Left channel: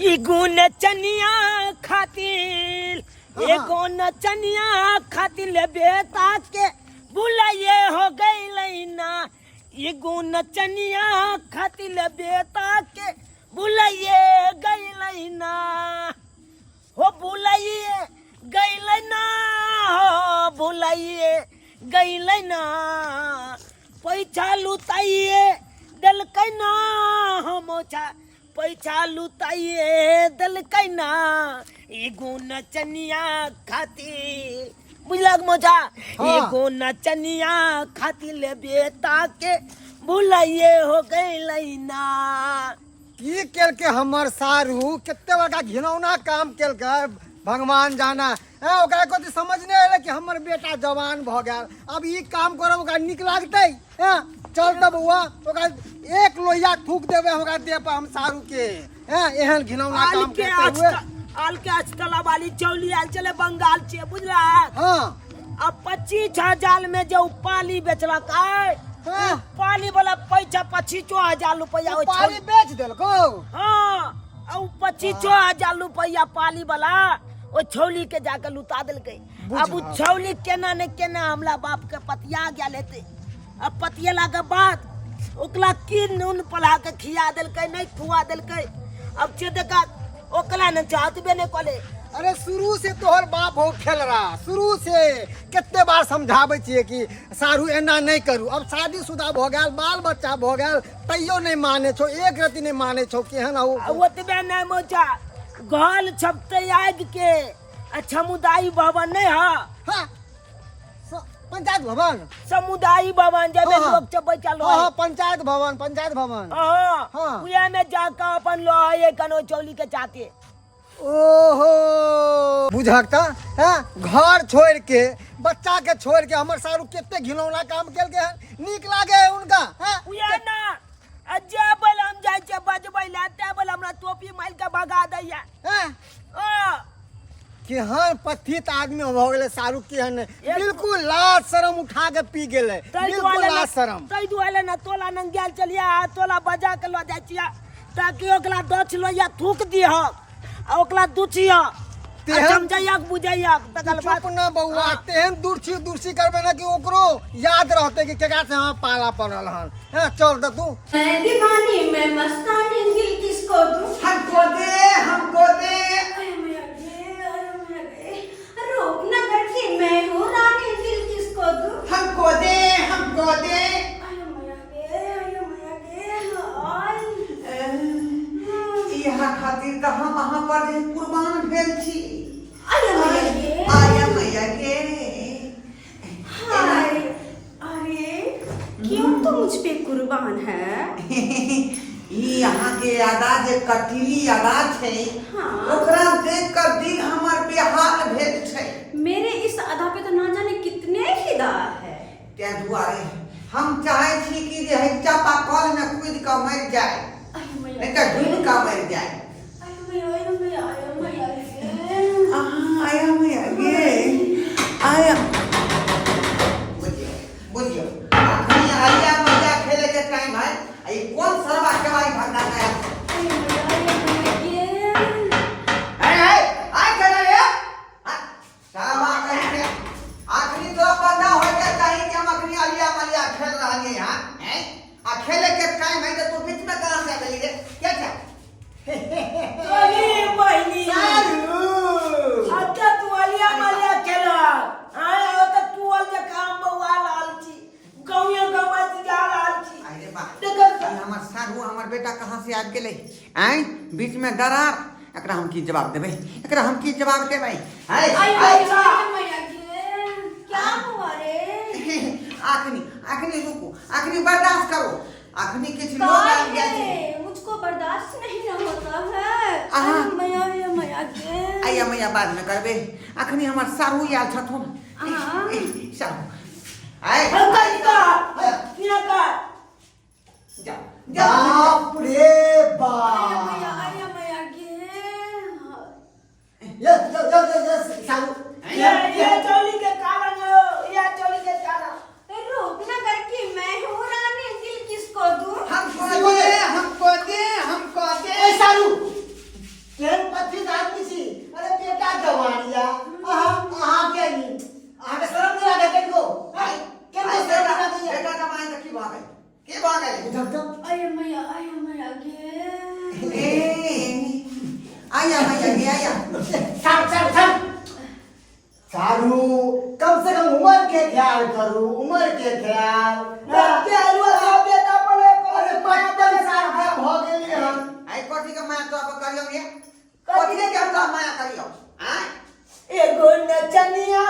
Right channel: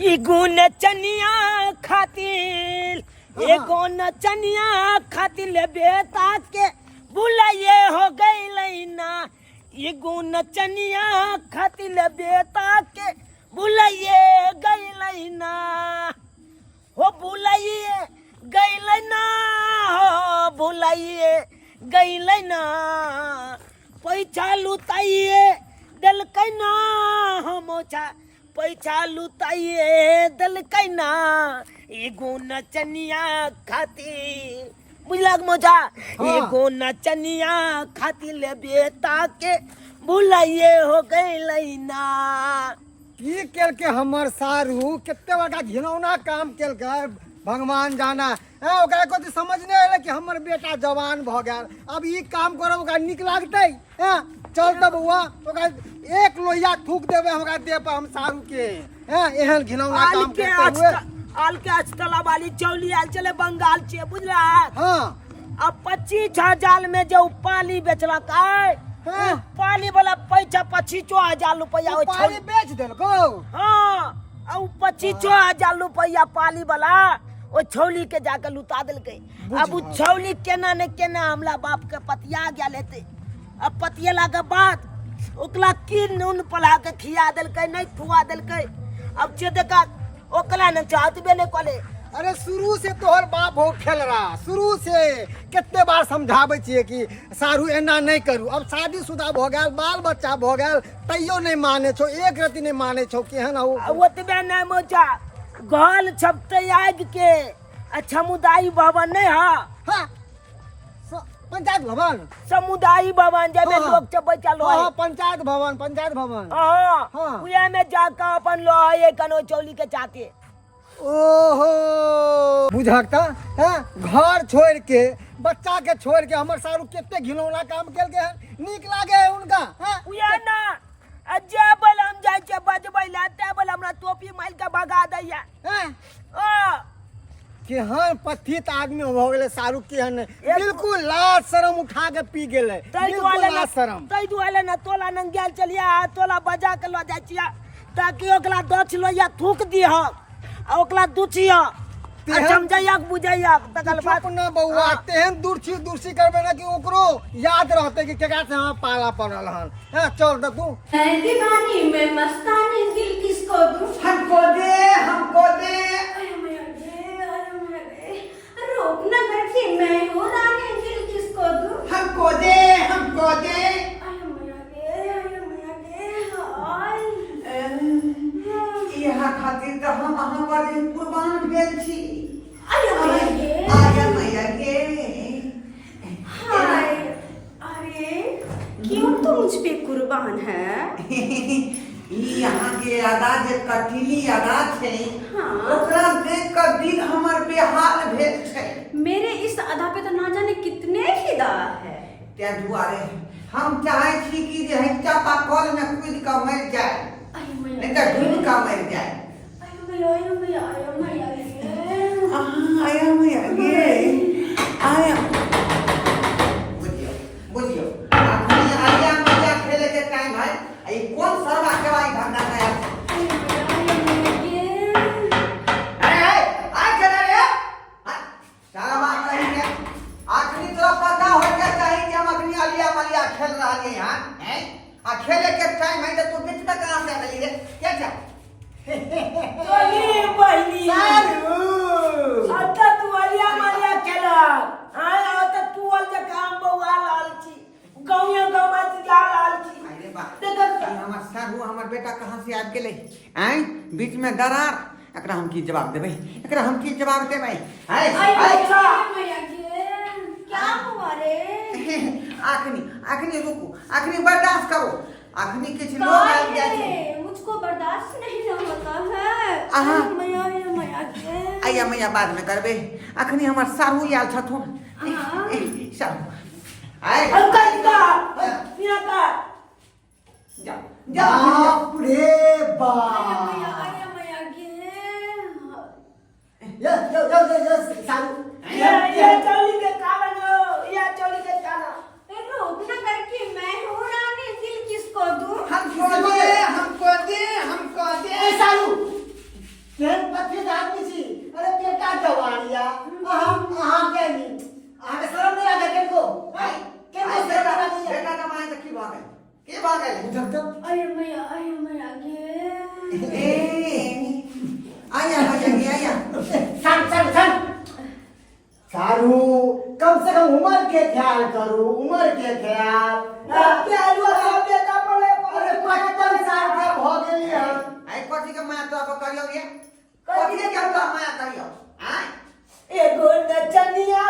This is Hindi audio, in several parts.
एगो नचनिया खातिर एगो नचनिया खातिर बेटा के बुलाए हो गई ना। एगो नचनिया खातिर बेटा के बुलाए गई ना। हो बुलाइए गई ना। हो बुलाइए गई ना। पैसा लुटाइए दिलकै ना। हो मोचा पैसा लुटाइए दिलकै ना। एगो नचनिया खातिर बुझला मोचा। एगो नचनिया खातिर बेटा के बुलाइए हो गई ना। की केल के हमर सारू कितने बड़ा घिनौना काम केल के भगवान जाना है। ओकरा को तो समझ नहीं आले कि हमर बेटा जवान भ गया। अब ई काम करब ओकरा निक लागतै हैं। चल तब हुआ ओकरा एक लोहिया थूक देबे हमरा देह पर हम सारू के हैं। एहन घिनौना काम करते हुए आल के अचकला वाली चौली आल चले बंगाल छे बुझला। हां अब 25,000 में जो पाली बेचला काय पाली वाला पैसा 25,000 रुपया पाली बेच देलको। हाँ और 25,000 रुपया पाली वाला वो छौली के जाकर लुटा दिलके। अब वो छौली केना ने केना हमला बाप के पतिया गया लेते। अब पतियला के बाद ओकला की नून पला के खिया दिलके नहीं खुआ दिलके। अब जे देखा ओकला न चाहतबे ने कोले। अरे शुरू से तोहर बाप हो खेल रहा। शुरू से कितने बार समझावे छिए कि सारू एना नहीं करू। अब शादीशुदा भ गेल बाल बच्चा भ गेल तैयो नहीं माने छो। एक रति नहीं माने छो। केहन हो ओतबे नहीं मोचा घर छपते आग के समुदाय भवन नहीं है। हां पंचायत भवन समुदाय भवन जब लोग सब बैठल हां पंचायत भवन हां उया में जाकर अपन लोहे कनो चौली के चाहते। ओहो बुझकता है। घर छोड़ के बच्चा के छोड़ के हमर सारू कितने घिनौना काम केल के है। नीक लागे है उनका हैं। उया ना अजे बल हम जाय छे बजबै लाते बल हमरा टोपी माइल के भगा दैया हैं। ओ केहन पथित आदमी हो गेले सारू केहन बिल्कुल लाज शरम उठा के पी गेले। बिल्कुल लाज शरम तै दुआले ना तोला नंग गेल चलिया तोला बजा के ल जाय छिया ताकि ओकला दछ लोया थूक दिह ओकला दुचिया समझैया बुझैया तकल बात ना बउआ तेहन दूरछी करबे ना कि ओकरो याद रहते कि केकरा से हम पाला पड़ल हन। हैं चल द तू दीवानी में मस्तानी दिल किसको दूं। हमको दे रोक ना करके मैं हूँ रानी दिल किसको दूं। हमको दे यहाँ खातिर त हम अहाँ पर कुर्बान भेल छी। अरे क्यों तो मुझ पे कुर्बान है। यहाँ के अदा जे कटीली अदा छे ओकरा देख कर दिल हमर बेहाल भेल छे। मेरे इस अदा पे तो ना जाने कितने फिदा है। त्या दुआरे हम चाहे छी कि जे चापा कल में कूद के मर जाए नहीं तो डूब के मर जाए। आया बुझियो आलिया मजा खेले के टाइम है। ये कौन सरवा केवाई भंगा है। खेल रहा है यहाँ हैं। खेले के टाइम है तो तू बीच में कहाँ से आ रही है क्या क्या चली बहनी अब तक तू अलिया खेला हाँ अब तक तू अल के काम बउआ लाल छी गौया गवा जा लाल छी। अरे बाप हमर सारू हमर बेटा कहाँ से आ गेले हैं। बीच में दरार एकरा हम की जवाब देबै। एकरा हम की जवाब देबै। क्या हुआ रे। आखनी रुको आखनी बर्दाश्त करो। आखनी किछ लोग आ गए मुझको बर्दाश्त नहीं होता है। आया मैया बाद में करबे। आखनी हमर सारू याल छथुन सारू आए बाप रे बाप सारू ये चौली के कारण ये चौली के कारण रोकना करके मैं हूँ रानी दिल किसको दूं। हमको दे सारू आया आया आया सारू कम से कम उम्र के ख्याल करो, उम्र के ख्याल। के अलवा सब बेटा पड़े अरे 55 साल के हो गेली हम। आई कथी के माया तो आप करियो ये कथी के हम तो माया करियो हां एगो नचनिया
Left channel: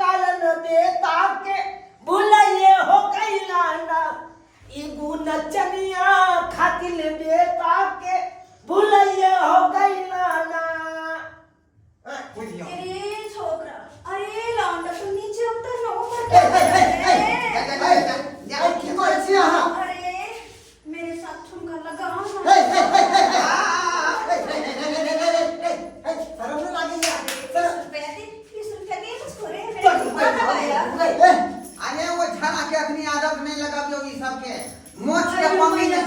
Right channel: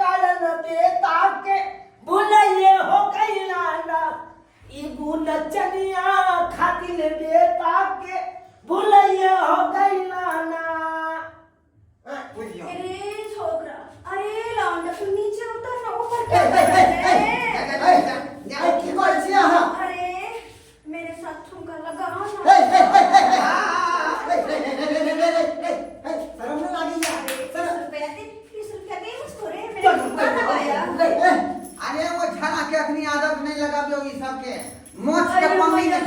कालन बेटा के भुलाइए हो कैलाना। एगो नचनिया खातिल बेटा के भुलाइए हो कैलाना। बुझियो अरे छोकरा, अरे लौंडा तुम नीचे उतर ना, ऊपर ए, क्या ए, कर ए, रहे ए, हैं? की कहै छी अहाँ? अरे मेरे साथ ठुमका लगाओ ए, ए, ना। ए, ए, ए, शर्म नहीं लागी या? शर्म- 20 रुपया दे मुझको रे, मेरे चल, ठुमका लगाया। अरे वो झरा के अपनी आदत नहीं लगाबियो ई सब के मोच के पम्मी में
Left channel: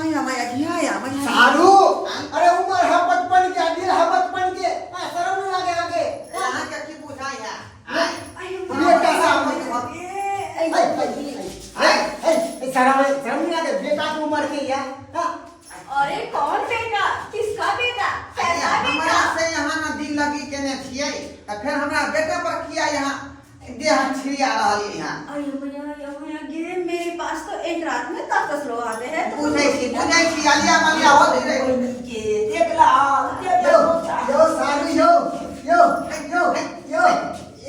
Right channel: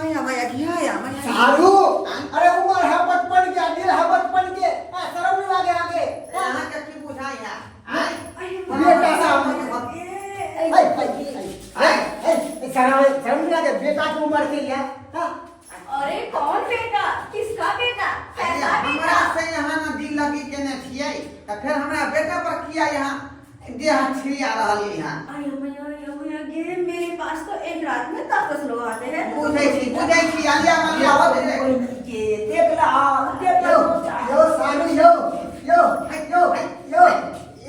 आया माया की आया माया सारू अरे उम्र है 55 के, दिल है 55 के। शर्म नहीं लागे आगे? यहाँ के की बुझाई है बेटा सामने शर्म नहीं लागे? बेटा की उम्र के या? हाँ? अरे कौन बेटा, किसका बेटा, कैसा हमरा बेटा? से यहाँ ना दिल लगी केने छियै त फिर हमरा बेटा पर किया यहाँ देह छिड़िया रहल यहाँ अरे मैया गे, मेरे पास तो एक रात में 10 लोग आते हैं। बुझै छी आलिया मलिया हो रे के देख ला यो सारू यो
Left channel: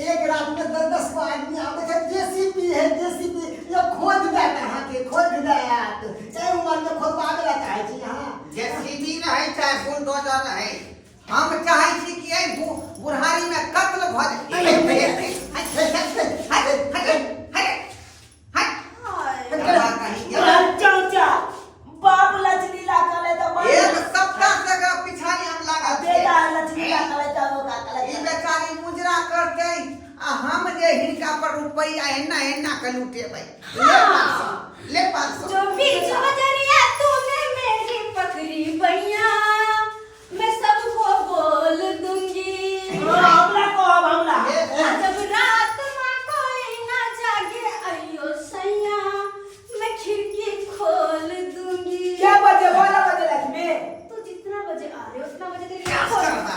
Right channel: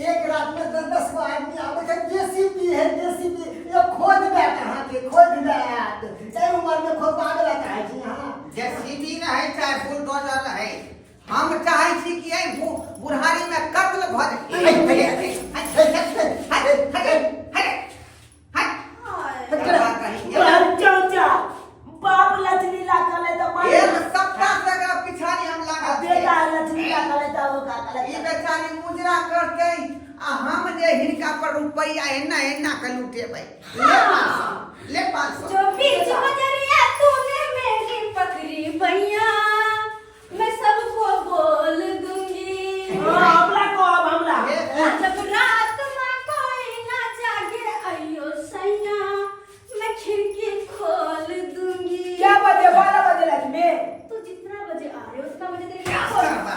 एक रात में 10 आदमी आवे छै। जेसीबी है जेसीबी, ये खोद दे कहाँ के खोद दे यार। चाहे उम्र के खोद पावे ला चाहे छी हां। जेसीबी रहे चाहे बुलडोजर रहे हम चाहे छी कि ए बुढ़ारी में कत्ल भ चौचा बाप लचलीला कले तो मार एक सप्ताह तक पिछाड़ी हम लागल बेटा लचलीला कले तो वो का ई कले बेचारी मुजरा करके आ हम जे हिनका पर रुपया एना के लूटेबै ले 500 जो बीच बजरिया तूने मेरी पकड़ी भैया, मैं सबको बोल दूंगी। हमला को हमला जब रात में कोई ना जागे अयो सैया, मैं खिड़की खोल दूंगी। क्या बजे 12 बजे लगी में तू जितना बजे आ रहे हो उतना बजे तेरी क्या खोल। करबा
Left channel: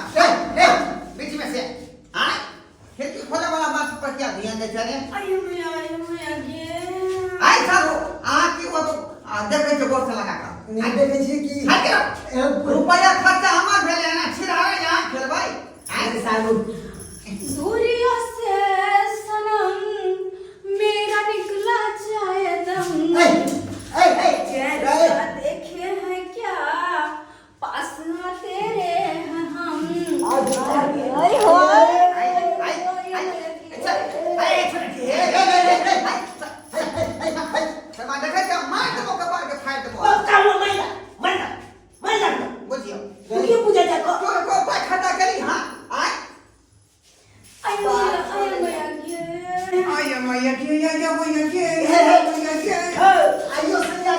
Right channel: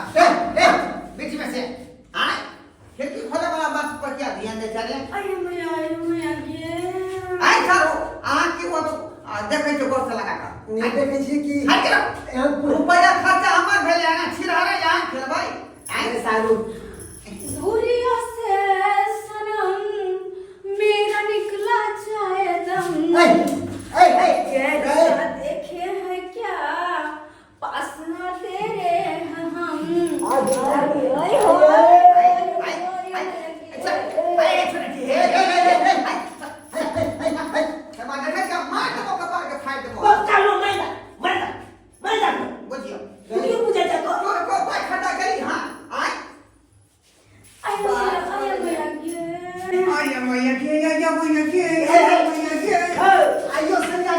बीच में से आए खिड़की खोले वाला बात पर क्या ध्यान दे चाहे अयो मैया गे। आए सारो आ की वो तो देखे छो गोर से लगा का नहीं देखे छी कि हट के रुपया खर्चा हमर भेले ना छिरावे यहाँ खेलबै अरे सारू सूर्य से सनम मेरा निकला जाए दम। जैसा देखे हैं क्या पास में तेरे हैं हम। ओए हो समा देखे का मार दो कपार के फाड़ दो वो कालो मैं जा बुझियो तू क्यों पूछे जा को को कोई खटा करी हां आए आया मैया के या मैया के मैया के आइयो संजा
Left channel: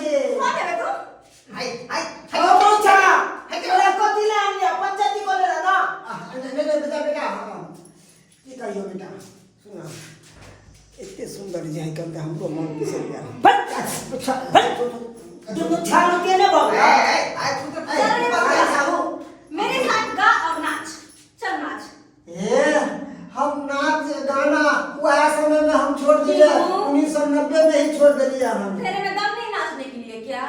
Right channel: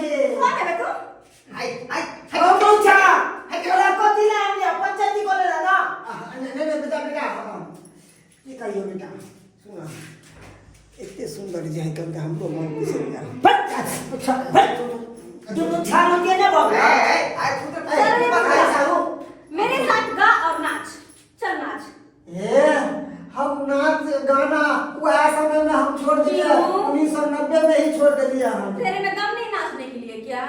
के हाय हाय ओ पूछा ओला को दिला लिया पंचायती को ले ना नहीं बेटा की कहियो बेटा सुना इतने सुंदर जाय करके हमरो मन बिसर गया। तू तो छान के ना बोल आए तू तो मेरे साथ गा और नाच, चल नाच। ए हम नाच गाना वह समय में हम छोड़ दिए, 1990 में ही छोड़ दिए हम। तेरे में दम नहीं नाचने के लिए क्या?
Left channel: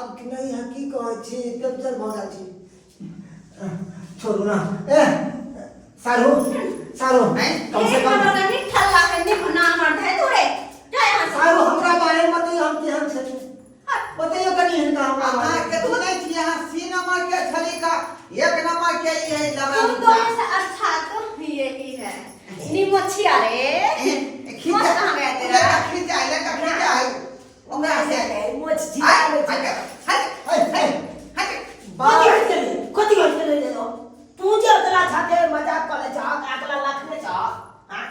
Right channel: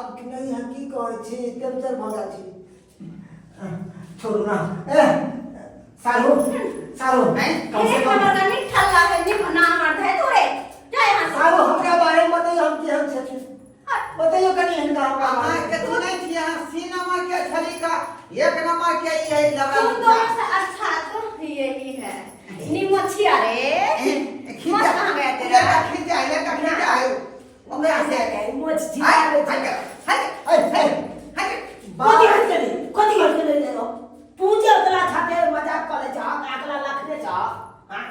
अब नहीं है की कह छी टेंशन भगा छी छोड़ ना ए सारू कम से कम नहीं ठल्ला के नहीं ना मर है तू रे, जा यहां से। सारू हमरा बारे में बताइए हम केहन छथि बताइए कनी हिनका हमरा आ बारे के तू नहीं थी यहां सी नंबर के छली का एक नंबर के यही लगा तुम दोनों से अच्छा तो यही है। निमोछिया रे खींचा कहां गया तेरा? खींचा है ओकरा से मोच जी कोती हट ले दो पूजा उतला छाते मजाक करे जा अगला लाख दे जा हां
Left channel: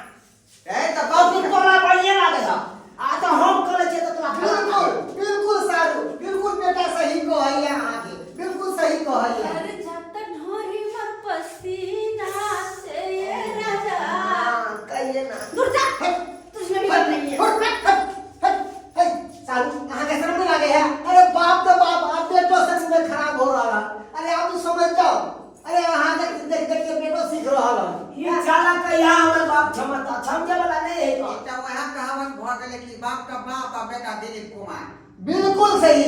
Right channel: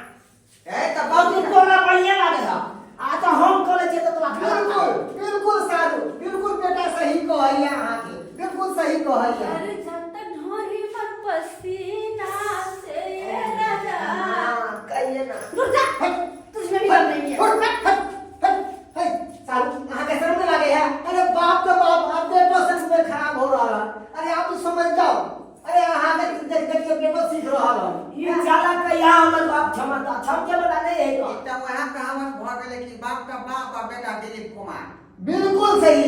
ए त अब बाबू तोला बढ़िया लागे जा आ तो हम करे छे तो लाख बिल्कुल सारू बिल्कुल बेटा सही कहैया अहाँ के बिल्कुल सही कहैया। अरे जब तक ढोरी मत पसीना से ये राजा। कहिए ना दूर जा, तुझ में भी दम नहीं है। सारू अहाँ के शर्म लागे है? अरे बाप तो बाप अब बेटो से खराब हो रहा बिल्कुल सही।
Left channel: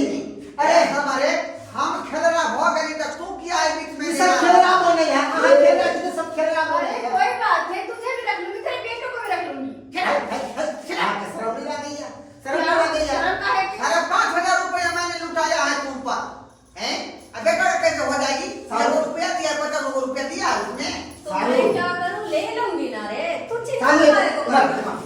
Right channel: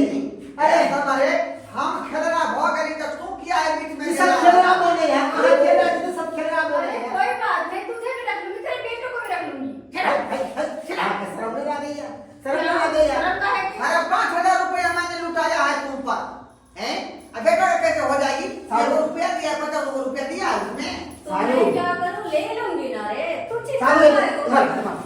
अरे हमारे हम खेलना भ गई तो तू क्या है बीच में? ये सब खेलना बोले हैं, कहाँ खेलना है, सब खेलना बोले अरे हैं। कोई बात नहीं, तुझे भी रख लूंगी, तेरे बेटों को भी रख लूंगी। शर्म नहीं आ गई है, शर्म नहीं आ गई है। शर्म का है कि अरे 5,000 रुपया मैंने लुटाया है तुम पर, हैं? अब बेटा कैसे हो जाएगी? 100 रुपया दिया, 50 रुपया दिया उसमें। तो मैं क्या करूं, ले लूंगी ना रे, तू चिंता सामने मत कर।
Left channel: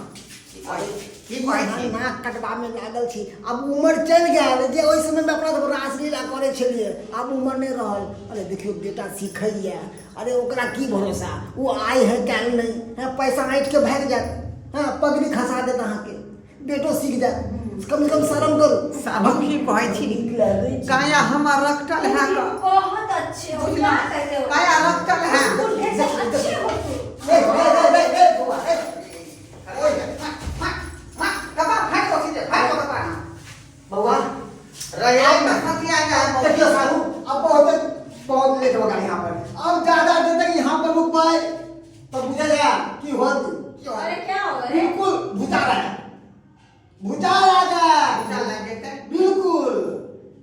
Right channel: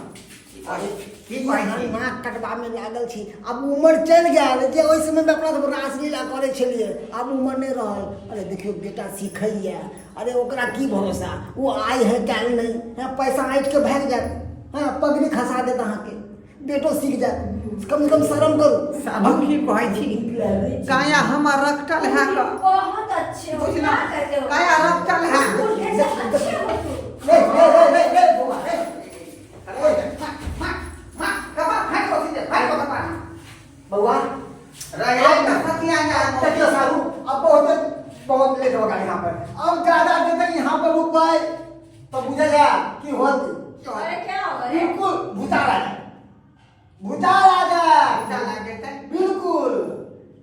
ठीक है। नाक कटवा में लागल छी, अब उम्र चल गया जे ओइ समय में अपना सब रासलीला करे छलिए, अब उम्र नहीं रहल। अरे देखियो बेटा सीखैया, अरे ओकरा की भरोसा, वो आय है काल नहीं है, पैसा ऐंठ के भाग जात, हां पगड़ी खसा देत अहाँ के, बेटो सीख जात, कम से कम शर्म करो। साबु की कहै छी काया हमर रखटल है का बहुत अच्छे हो, बुझला क्या कहते हो? काया रखटल है। उल्टे से अच्छे हो तू। ए बुआ बउआ देखियो सारू, अब बहुत लेट हो गया यहाँ पर, अब ज्यादा देर तक यहाँ पर रुक पाए तो बुझेगा कि होत अरे क्या होगा रे? बिल्कुल भूचाल आ गया बिल्कुल।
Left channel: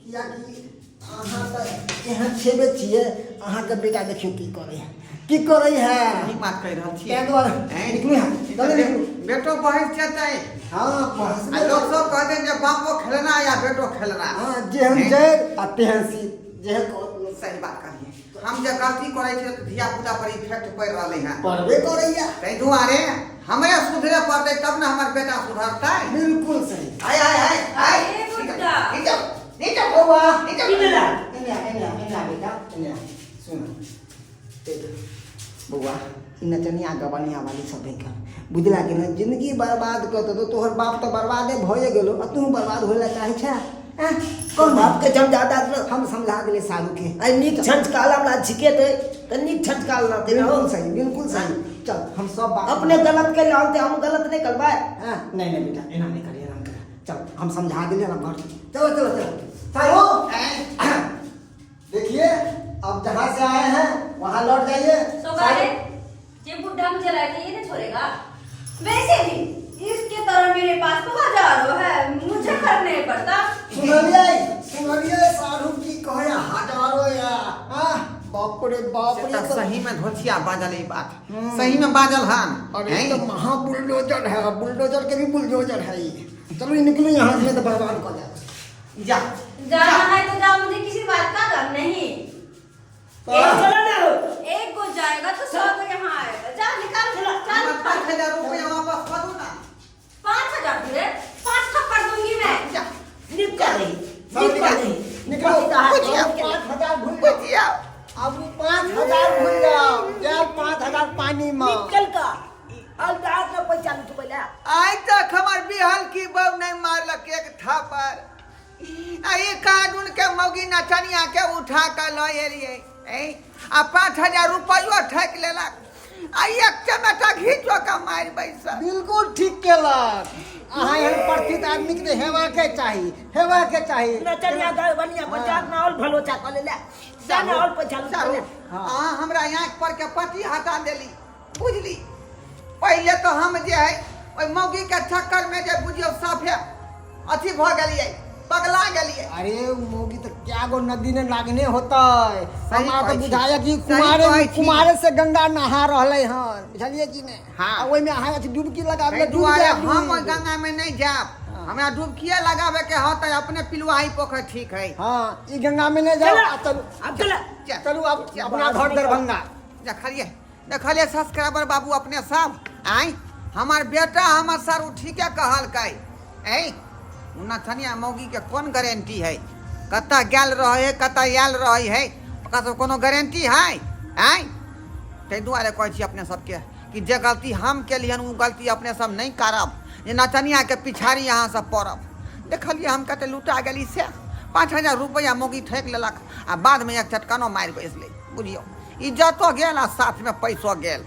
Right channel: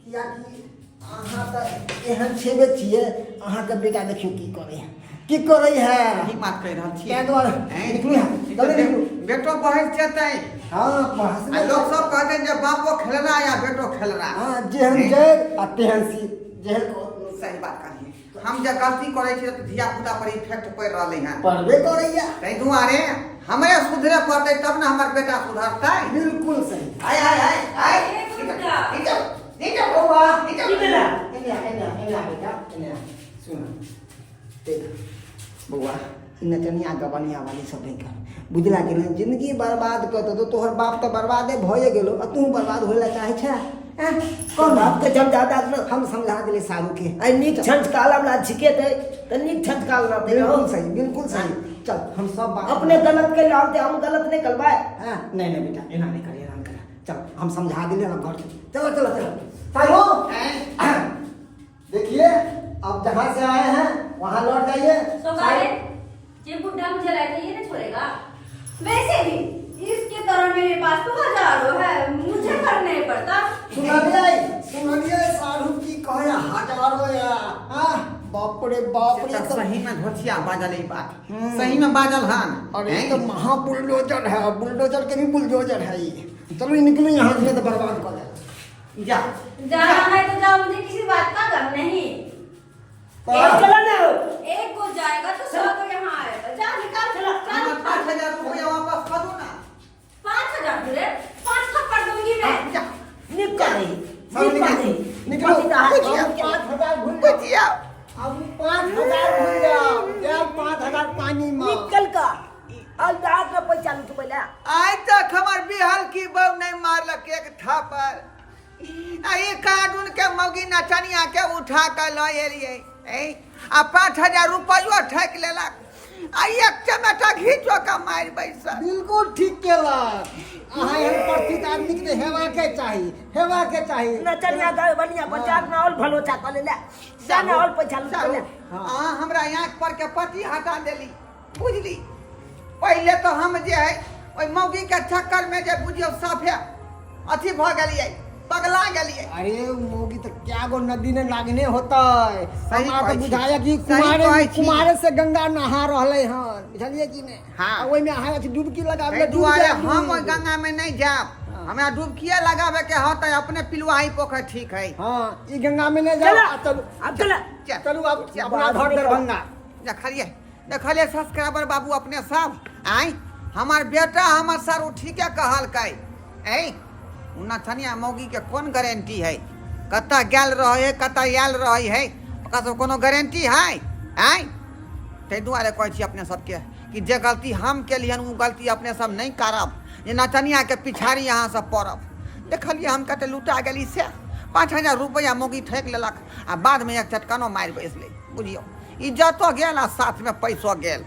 किया कि अहाँ तऽ एहन छेबे छियै, अहाँके बेटा देखियो की करे है। ठीक बात कह रहल छी। ताहि दुआरे निकलू यहाँ, जल्दी निकलू। बेटो बहस जेतै, हाँ बहस आ में लोग सब कहते जे बापो खेलना या बेटो खेलना। हाँ जेहन जड़ आ तेहन सीत, जेहन सही बात कहलिए। हम जे गलती करे छी तो धिया पुता पर इफेक्ट पड़ रहले हैं, पढ़बे करैया। तै दुआरे हमें सुधरे पड़तै तब न हमर बेटा सुधरतै। बिल्कुल सही। आय आय आय आय अरे गुड्डा। नीचे बउआ नीचे एना बेटा एना सुन देख बउआ, इ नचनिया गबनिया वाली सब कर बुझला कि ना, जिंदगी बर्बाद कर तो तोहर बाप तो बर्बादे भए गेलो, आ तू बर्बाद होइला चाहे छै? कौन बाप के जब ज्यादा हम समझा दिले सारू के, आई नीक छंच काला ला छिके थे त नीक छंच काल ना ते बिल्कुल सही बिल्कुल सही। चल हम सब बात अपने गलत के लालते हम गलत नहीं करवाए। हाँ नहीं बेटा एना नहीं करिए, आराम कर। चल हम समझा दिले ना घर। चलो चलो चलो सारू देखिए, अब जहाँ से आए हैं वहाँ लौट जाइए। तो गाले, ये बुड्ढा मुझे लाके ये नहीं छोड़ेगा। वैसे भी इसके तरह मेरे पास तो हजारों है, मुझे करने नहीं पड़ता। सुनिए सारू की कहे हजारों या, हाँ बाप रे तो सही में धोचिया बाजल ई बात, सही में बाजल हन। अरे तो महा बुलडोजर है, बुलडोजर के भी बुलडोजर है ये। चलो निकलो यहाँ से, तो बर्बाद कर दे। जा जाना है तो जाओ, मुझे किसी बात का गम नहीं। एक चला ना हो। एक को जाएगा तो 100 तो यहाँ आएगा। जा निकाल, चल। 5,000 रुपया वापस कर दो ना। 5,000 दे रे, 5 थप्पड़ दूंगी मैं। जा नीक कर रही सब नीक कर रही निकलो। पति का हाथ अब 5,000 भूल जाओ, बुझिया अब 5,000 भूल जाओ, जब 5,000 पानी में। निकल का और रात में पैसा लूट पहले आज तक हमार बिहाल की बहू नहीं मारलक एक थापर। आई कानून के मौगी नचनिया के उठा कर लो एलिए, आ 5,000 रुपया ठक लेलक, आ एक चमेटा घीचो का मार बैसा। बिल्कुल ठीक केलक। अहाँ एहन परिचित आदमी के हेबाके चाही। नचनिया गए बनिया पंचायत में और भलो चा कर ले जाने और पैसा लूट ले। हाँ हमरा आँख पर के पट्टी हटा देली, बुझली। पहले तो हम जे है ओइ मौगी के चक्कर में जे बुझियो साफे अथी भ गेलिए, पगला गेलिए। अरे मोगी तो क्या गो नदी ने लागने होता है। सही हमारा तो कहै छी। बुझाया कि सही कहै छी। कुमारे से गंगा नहा रहले हन, बुझलिए कि ने। हाँ। ओइ में अहाँ डुबकी लगावे एहि दुआरे हम ओइ गंगा में नहीं जाब। हमरा डुबकिया लगावे के होत अपने पिलुआही पोखर ठीक है। हां ई गंगा में नहीं जाओ। चलो चलो अब चला चलो अब अपना घर दरभंगा। देखलिए सब्सक्राइबर बाबू अपने सब आई हमार बेटा हमार सर ठीके कहल कै। नचनिया मौगी के कौन गारंटी है, कत्ता गेल रहे है कत्ता आयल रहे है, ओकरा सब कोनो गारंटी है? ताहि दुआरे कहै छी अपने सबके कि जे गलती हम केलियन उ गलती अपने सब नहीं करब, जे नचनिया के पिछाड़ी अहाँ सब पड़ब। देखलिए हम कते लुटा गेली से 5,000 रुपया मौगी ठेक लेलक, आ बाद में एक चटकानो मारि बैसले। बुझियो इज्जतो गेल आ साथ में पैसो गेल।